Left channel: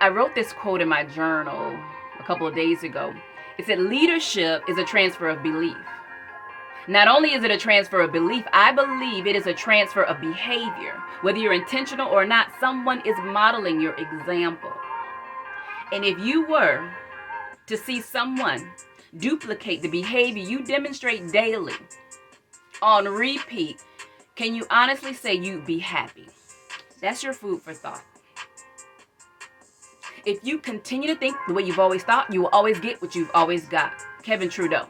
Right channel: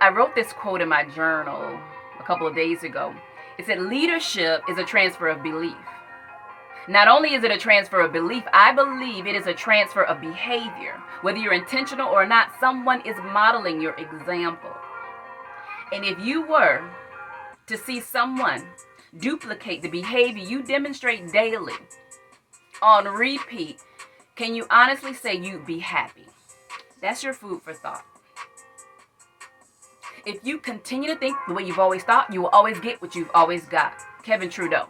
I wrote this quote in my journal a couple of days ago. It said, leadership is a transfer of belief. Not only is it a transfer of belief, I believe it is a transfer of behavior. Whether you're intentional or not, someone is modeling your example. And if you were to see someone duplicate the behavior you demonstrate daily on repeat, can you honestly say you'd be happy? That's your food for thought. If you continue to think the way you've always thought, you will always get what you've always got. Kevin Trudeau.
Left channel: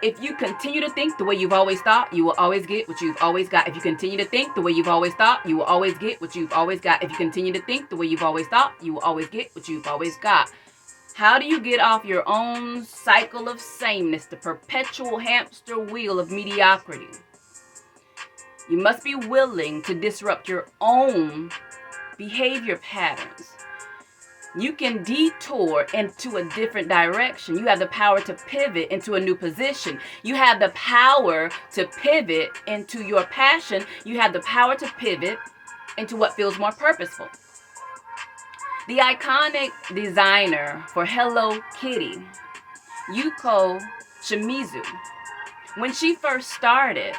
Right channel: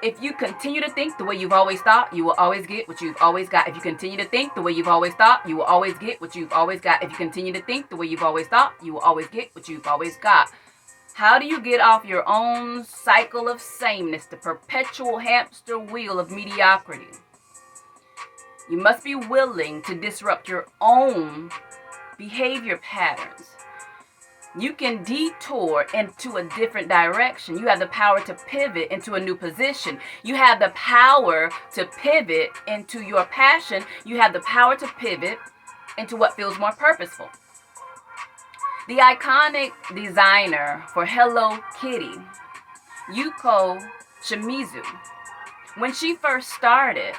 If you continue to think the way you've always thought, you will always get what you've always got. If you continue to think the way you've always thought, you will always get what you've always got. If you continue to think the way you've always thought, you will always get what you've always got. How do you get off your own cycle of sameness, the perpetual hamster wheel of mediocrity? You must be willing to disrupt your own behavior patterns. You can detour into a different direction. You have the power to pivot into a new position. You have the power to pivot into your passion. You have the power to pivot into what feels more purposeful. The iconic designer for Hello Kitty, Yuko Shimizu, when she first started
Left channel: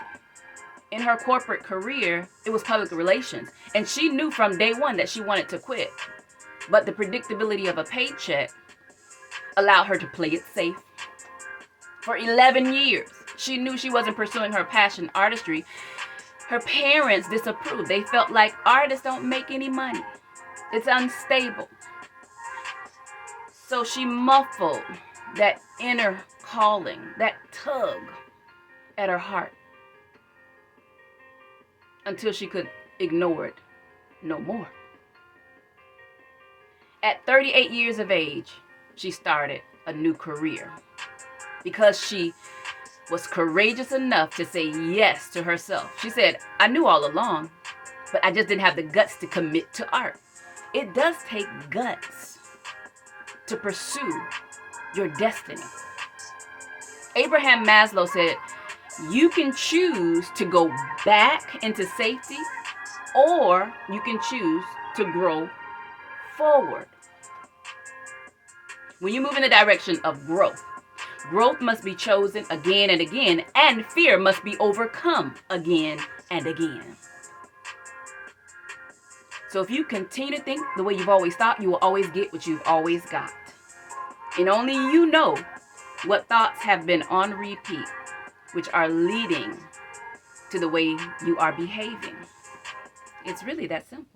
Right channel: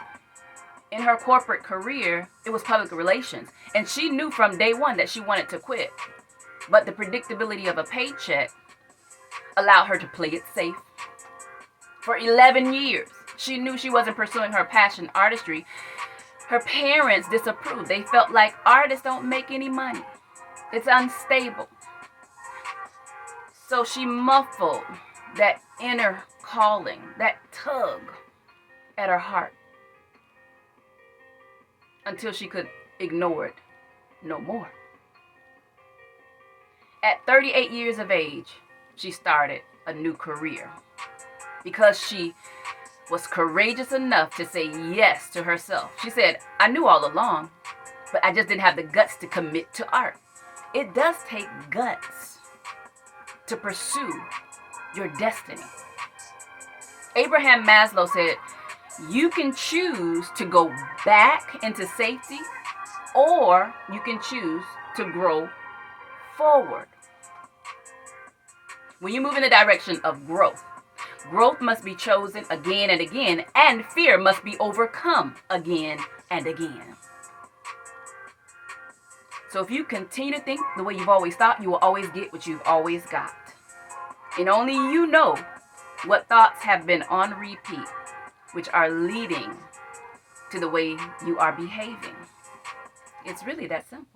in her corporate career, it was public relations. And she knew from day one that she wanted to quit. But the predictability of a paycheck allowed her to play it safe. For 11 years, she knew she wasn't pursuing her passion, artistry. Her parents disapproved. They felt like artists don't make any money. It's unstable. So she muffled that inner calling, that tug at her heart, until she could ignore it no more. At 38 years of age, she started a new career because she was courageous enough to say yes to herself. She said, I knew all along, but I just didn't have the guts to commit to art. It does take guts to pursue your destiny. Abraham Maslow said, you can choose to go back into safety, or you can choose to grow forward. When you move in the direction of growth, growth must be chosen again and again, and fear must be overcome again and again. So if you continue to think the way you've always thought, you will always get what you've always got. And only you know what thoughts have been on repeat, which are leading to the way you are behaving. It's really that simple.